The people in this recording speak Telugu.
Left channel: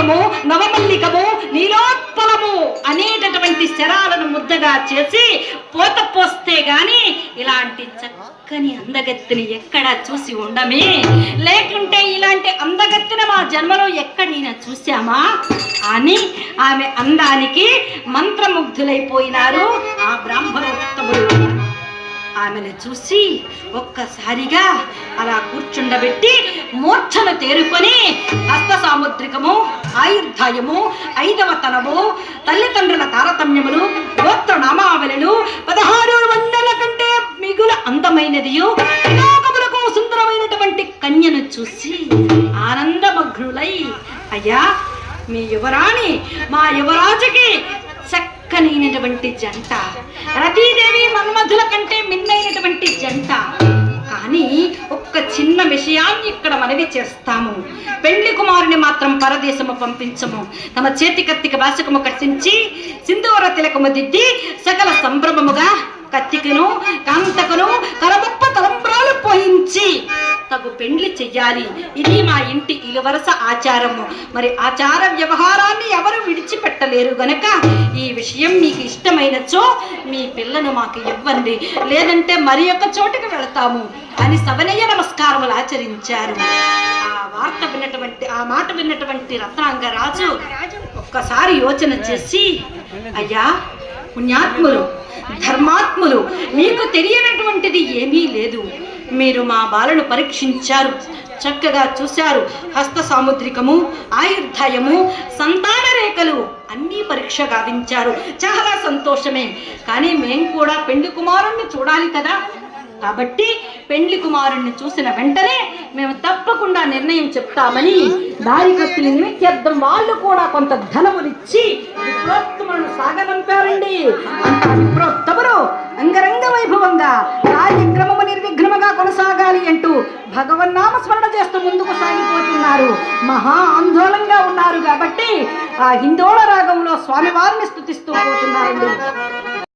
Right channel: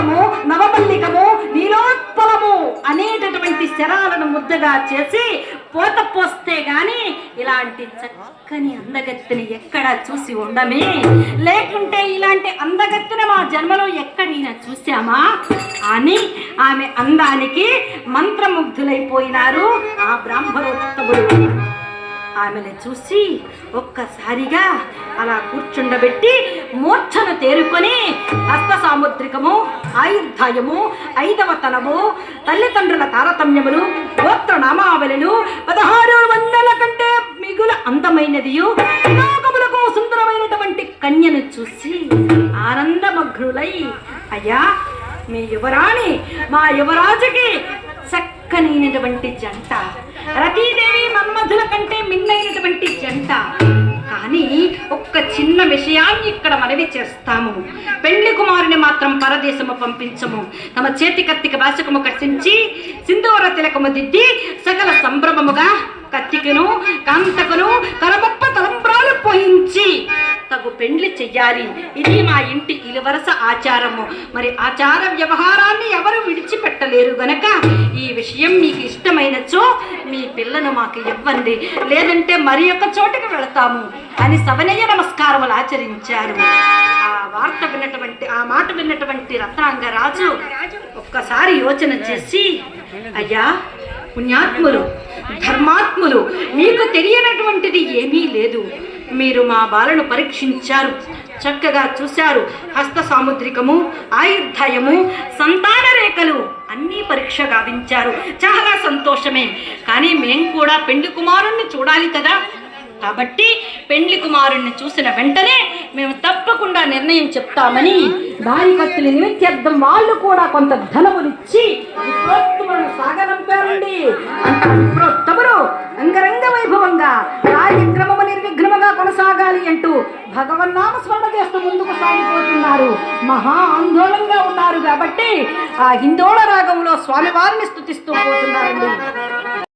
నవరసము నవమల్లికము నీలోత్పలము అనేటటువంటి శరాలను ముద్దగా చేసి పోత పోస్తే గాని ఇలాంటి చక్కని అందగత్తిని ఎక్కడా చూసి ఉండమే. లేకుంటే ఇలాంటి అందగత్తిని మా జన్మలో ఎక్కడైనా చూసామా అని ఆమె అందానికి మంత్రముగ్ధులైపోయినారు ఆ బ్రాహ్మణోత్తముడు. ఆమెను చూసి ఒక్కసారిగా అలా కూర్చుండబెట్టి మూర్ఛను తేరుకొని హస్త సాముద్రికము, ఆయుర్ధాయము, 5వ తనము, తల్లిదండ్రుల తారతమ్యములు, గోత్ర నామావళులు, 16 వందల కంటే మిగుల అందమైనదియు లోకములకు సుందరమైనటువంటి కన్యను చూసి ఆనందమగ్నులై, అయ్యా మీ యువరాణి మా యువరాజుకి చక్కనైనటువంటి జంట, రతీదేవి మన్మధుల కంటే మిన్నైనటువంటి జంట. కానీ ఒక్క చిన్న విషయాన్ని ఇక్కడ మనవి చేస్తాము. పెళ్లి కుమారుని మాత్రం పరదేశము పంపించము. తమ చేతి కత్తికి వాసకము కట్టించి సింధూర తిలకము దిద్ది సకల సంభ్రమముగా కత్తికను కాంతకును కరబొప్ప తలంబ్రాలు పోయించి తగు పెండ్లి చెయ్యాలి. ఇది మా ఇంటి ఇలువరస ఆచారము. మరి ఆచార వ్యవహారాన్ని ఎవరు విడిచిపెట్టలేరు గనక ఈ విషయం మీకు ఇష్టమైనచో మీ పిల్లను మాకు ఇవ్వండి, లేదంటే మరి ఒక చోటుకు వెళతాము అని సవనయ్య నమస్కారములు ఆచరించారు. ఆ మాట విన్నటువంటి రత్నాంగ రాజు ఒక్కసారి యోచన చేసి, అయ్యా పుణ్యాత్ములు ధర్మాత్ములు, మీకు తెలియనటువంటిది ఏమీ లేదు. మీరు మా బాలను పరీక్షించారు, చక్కగా చూశారు. హస్త సాముద్రికము, ఆయుర్ధాయము, సంతాన రేఖలు అన్నీ పరీక్ష గావించారు. చాలా సంతోషమే. కానీ మేం కూడా పెండ్లి కుమారుణ్ణి చూడాలి కదా. కాబట్టి పెండ్లి కుమారుణ్ణి చూసిన వెంటనే మేము తప్పకుండా నిర్ణయం చెప్తామని దారి కత్తులు నిమిత్యర్థం వాళ్ళు కూడా కొంత ధనమునిచ్చి విప్రోత్తములను సాగనంపారండి. విప్రోత్తములు అంగరంగ వైభవంగా కార్యక్రమము నిర్విఘ్నముగా కొనసాగాలి అంటూ భగవన్నామ స్మరణ చేస్తూ ముందుకు సాగిపోతున్నారు. మహా ఆందోళనగా ఉన్నారు కాబట్టి ఆ హిందోళ రాగంలో స్వామివారిని స్తుతిస్తూ పోతున్నారండి.